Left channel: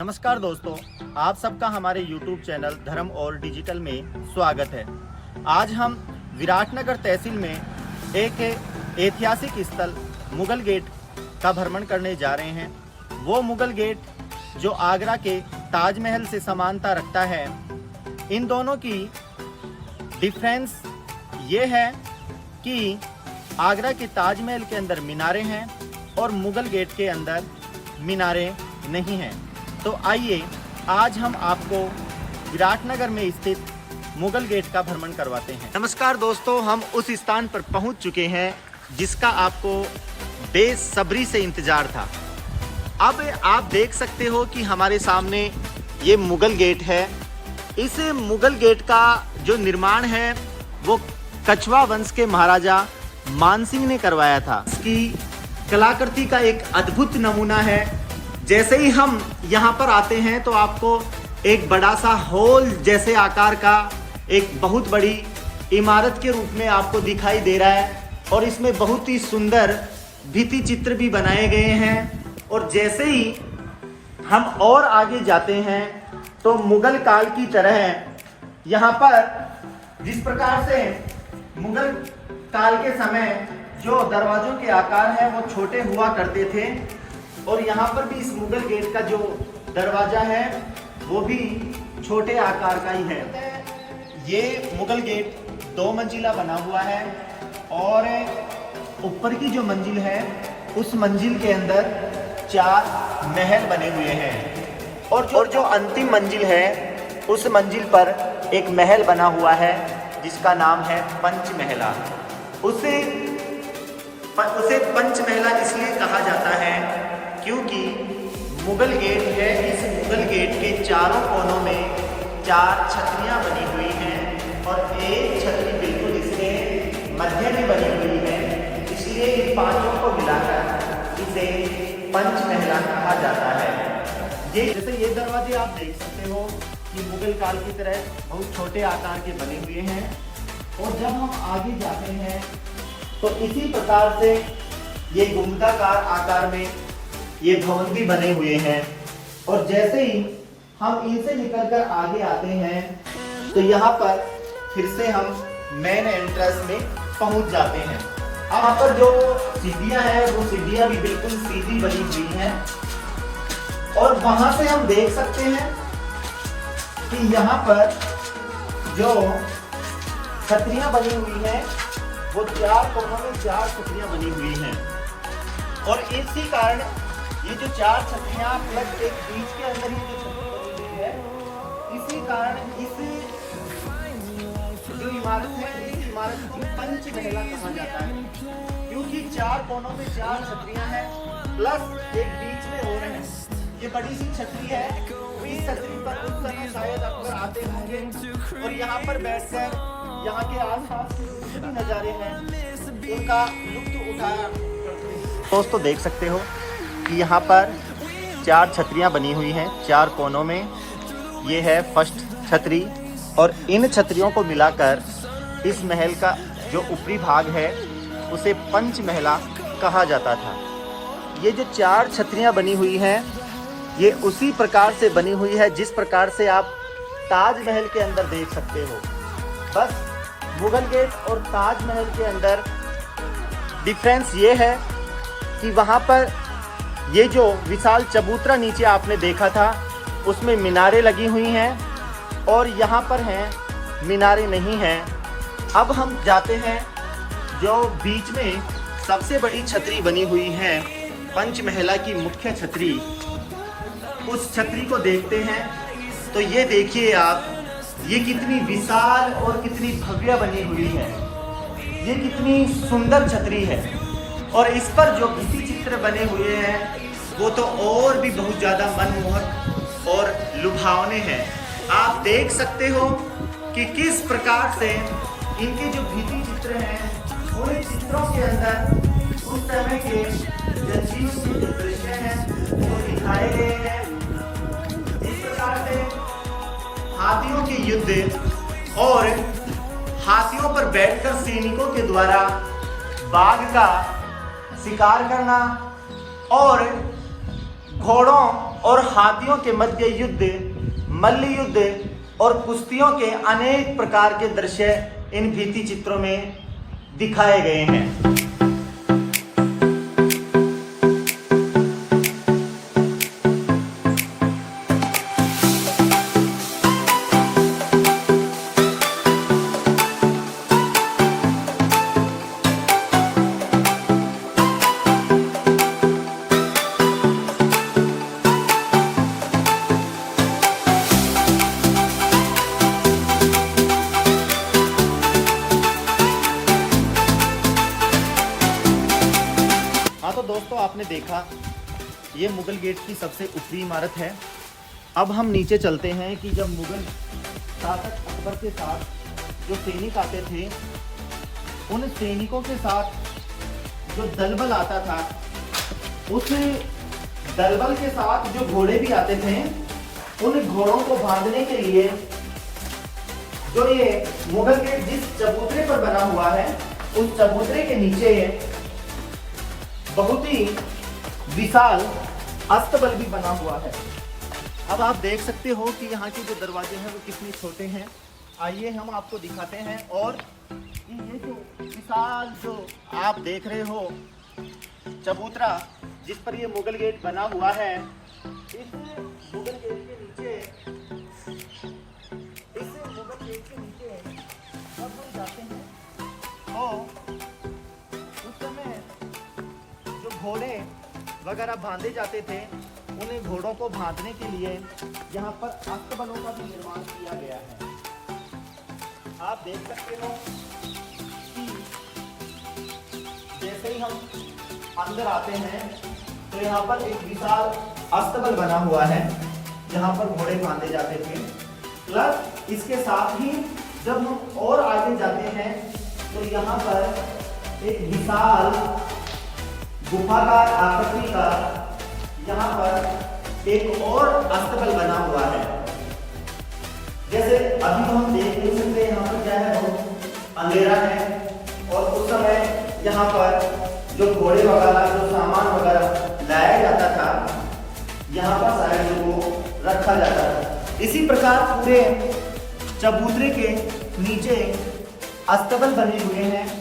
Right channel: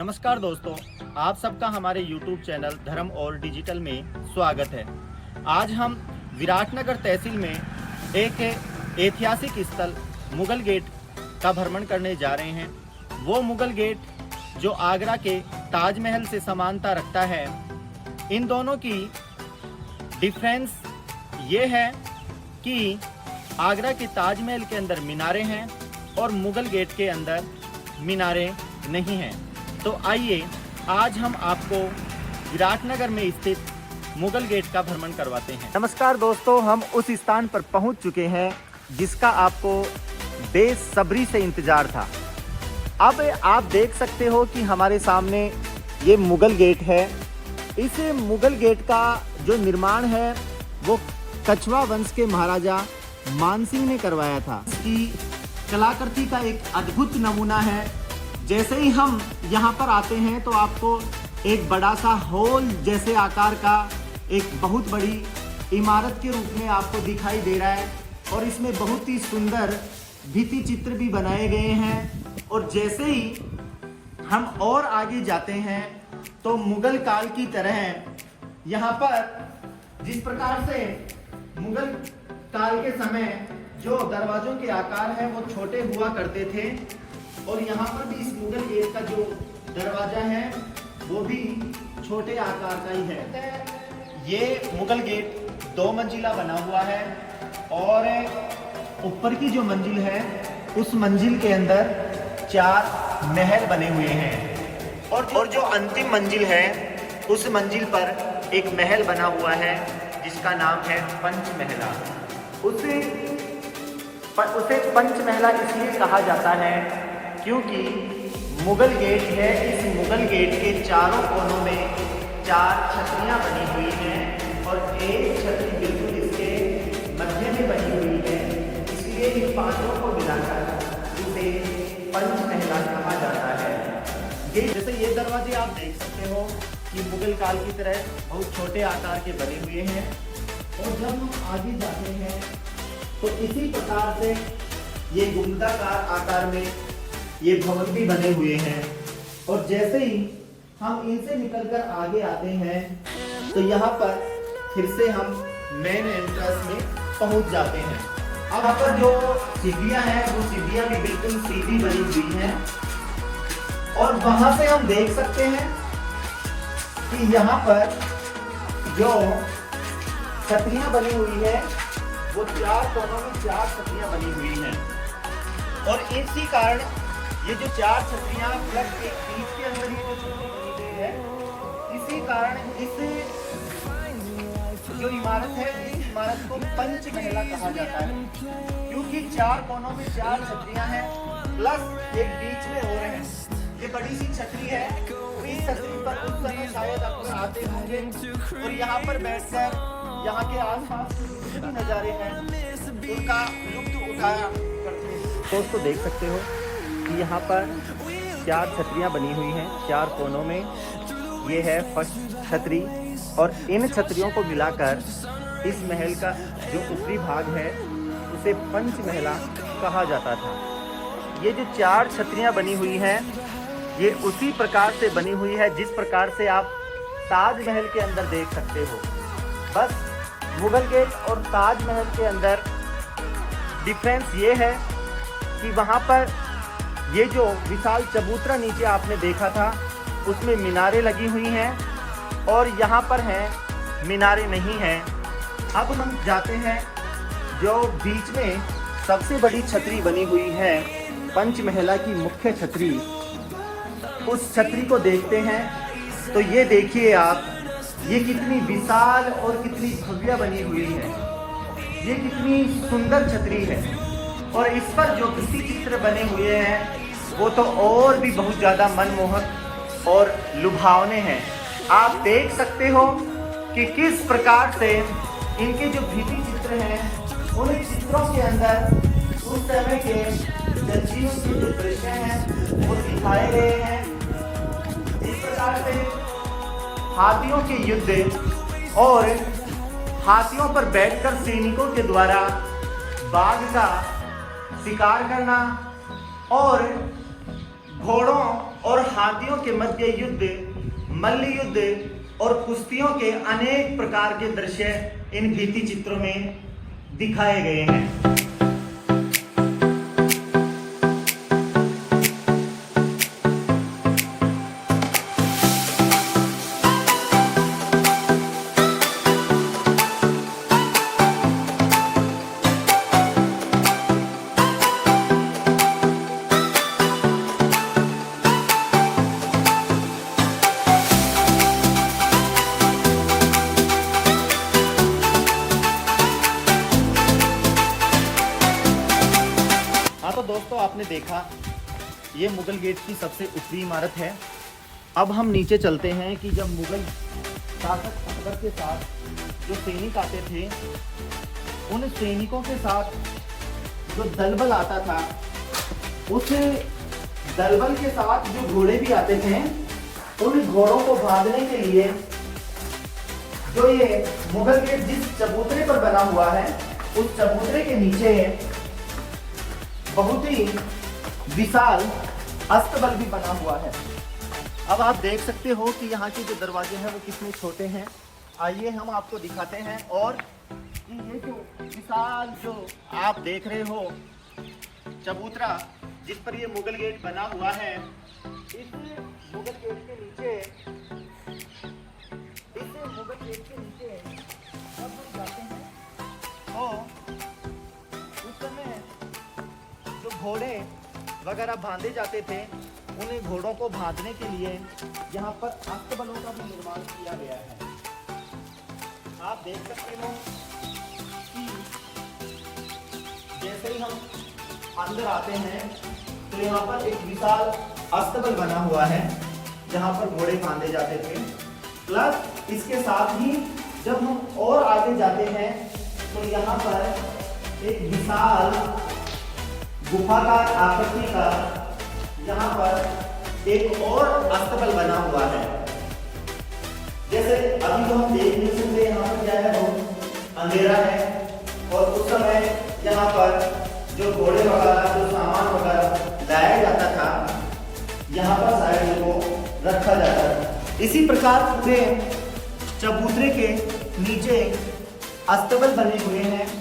नमस्कार दोस्तों, आप सबका हमारे YouTube चैनल धर्म और डिजिटल में स्वागत है। आज हम विराटनगर तहसील में एक ऐतिहासिक स्थल मुगल गेट का भ्रमण करने जा रहे हैं। वो मुगल गेट जो आगरा के ताजमहल से समानता रखता है। इन दोनों की डिफरेंस ये है कि आगरा के ताजमहल के अंदर मीनारें हैं और मुगल गेट के अंदर मीनारें नहीं हैं। तो आइए आज हम आपको विराटनगर में स्थित मुगल गेट का भ्रमण करवाते हैं। नमस्कार दोस्तों, हम उस स्थान पर पहुंच चुके हैं जिसका आपको बेसब्री से इंतजार था। अब आप देख सकते हो कि हमारे सामने ये मुगल गेट है। इस मुगल गेट का जो निर्माण है वो कछवा वंश के महाराजा मानसिंह ने करवाया था। इसकी कलाकृति का एक अद्भुत नमूना है। जैसे ही हम यहाँ पर आते हैं तो आपको एक बड़ा सा हॉल जैसे आकार का एक बहुत बड़ी इमारत के रूप में आपको दिखाई दे रहा है और इसमें बहुत ही सुंदर भित्ति चित्र भी बनाए गए हैं। और जैसे ही हम और आगे जाते हैं तो मुगल काल की तरह यहाँ पर जिस प्रकार से मुगल काल के समय जो दरवाजों के आकार हैं वो छोटे हुआ करते थे और यहाँ पर भी इस मुगल गेट का जो दरवाजा है वो भी छोटे आकार का ही है। ये मुगल गेट 2 मंजिला बना हुआ है और ऊपर की जो मंजिल है उस मंजिल के अंदर 4 महल बने हुए हैं और जो अंतिम मंजिल है उस मंजिल पर एक महल बना हुआ है जिसका नाम है पंचमहला। उसे पंचमहला इसलिए कहा जाता है क्योंकि मुगल गेट है। इस मुगल गेट के चारों कोनों में 4 छतरियां बनी हुई हैं और एक छतरी बिल्कुल इसके मध्य में बनी हुई है। इसलिए इन 5 को मिलाकर इसे पंचमहला कहा जाता है। ये जैसे ये दरवाजे आप देख सकते हो कि मुगल काल की तरह बहुत छोटे आकार के बने हुए हैं। और जब हम आगे जाते हैं तो इसी प्रकार से ये गुंबदाकार आकार में ये भवन भी बने हुए हैं। और जैसे ही हम इनसे निकलकर आगे आते हैं तो यहाँ पर फिर से हम मेन एंट्रेंस में पहुंच जाते हैं। अब यहाँ पर जो सीढ़ियां हैं वो सीढ़ियां भी बिल्कुल सीधी बनी हुई हैं और वहां से हम देख सकते हैं कि यहाँ पर जो छतरियां बनी हुई है वो 4 कोनों में 4 छतरियां बनी हुई हैं। और इसी कारण ये जो 4 छतरियां प्लस एक बीच के अंदर ये जो छतरी बनी हुई है, इसी कारण इस जो इमारत है इस इमारत को पंचमहला कहा जाता है क्योंकि 4 कोनों में 4 छतरियां हैं प्लस एक बीच में और है। ये बड़ी सी छतरी है। इस छतरी पर उस समय शायद अक्सर आते होंगे और यहाँ पर बैठकर यहाँ के आसपास जो भी नज़ारे हैं उनका लुत्फ उठाया करते हैं। दोस्तों देख सकते हो कि यहाँ पर 4 छतरियाँ बनी हुई हैं 4 कोनों में। ये है फर्स्ट छतरी और इन छतरियों को मिलाकर इस महल का जो ऊपरी भाग है उसे पंचमहला कहा जाता था। ये जो 4 छतरियाँ बनी हुई हैं ये उसी प्रकार से बनी हुई है जिस प्रकार से आप ताजमहल के अंदर देख सकते हो। बस मुगल गेट और ताजमहल के अंदर डिफरेंस ये है कि वहाँ पर ये जो विशाल चबूतरा नीचे आपने देखा था उसमें मीनारें लगी हुई हैं और यहाँ पर है मीनारें नहीं हैं। अब हम जाते हैं जो बीच में सबसे बड़ी छतरी बनी हुई है पंचमहला की मुख्य छतरी, उस छतरी को देखते हैं। तो ये देखिए आप, ये कितनी विशाल और कितनी भव्य बनी हुई है। ये कितनी सुंदर छतरी है और इस पर जो भित्ति चित्र बने हुए हैं वो तो और भी बहुत ज़्यादा मनमोहक और लुभावने हैं। आप देख सकते हो कि किस प्रकार से इनके जो भित्ति चित्र हैं उन चित्रों के अंदर उस समय के जंजीरों के जो दृश्य हैं वो दिखाए गए हैं। इस प्रकार से हाथियों के युद्ध और हाथियों पर बैठकर सैनिकों के द्वारा बाघ का शिकार करना और घोड़ों और हाथियों के मध्य युद्ध, मल्ल युद्ध और कुश्तियों के अनेक प्रकार के दृश्य इन भित्ति चित्रों में दिखाए गए हैं। हाँ तो दोस्तों, आपने देखा ये मुगल गेट की सबसे ऊपरी इमारत है। अब हम नीचे चलते हैं कि जब मुगल शासक अकबर के साथ जो सैनिक आते थे, उन सैनिकों के साथ जो दलबल आता था, उस दलबल के साथ जो घोड़े भी आते थे, उन घोड़ों को बांधने के लिए जो ये मुगल गेट जिस चबूतरे पर बना हुआ है, उस चबूतरे के नीचे बहुत ही विशाल अस्तबल भी बना हुआ है। अब आप देख सकते हो कि यहाँ के जो दरवाजे हैं वो कितने छोटे हैं। आइए हम आपको दिखाते हैं। और ये जो विशाल जो आप देख रहे हो चबूतरा जिस पर ये मुगल गेट बना हुआ है, इस मुगल गेट के नीचे जब हम जाते हैं तो उस समय जो घोड़े वगैरह बांधे जाते थे, उन्हें घोड़ों को बांधने के लिए यहाँ पर अस्तबलों का भी निर्माण किया गया है। आप देख सकते हो कि जैसे ही हम अंदर आते हैं तो यहाँ पर एक विशाल अस्तबल बना हुआ है जहाँ पर घोड़े बांधे जाते थे। प्लस इसके साथ ही जब हम और आगे जाते हैं तो यहाँ पर एक विशाल गुफाकार आकृति का यहाँ पर एक और अस्तबल बना हुआ है। जैसे अभी तो हम देख नहीं सकते, यहाँ पर क्या है, बहुत अंधेरा है। और उस समय यहाँ पर जो घोड़े वगैरह, जो सामान वगैरह लाया जाता था, यहाँ पर साइड को रखा जाता था। इसी प्रकार पूरे चबूतरे के नीचे अस्तबल बने हुए हैं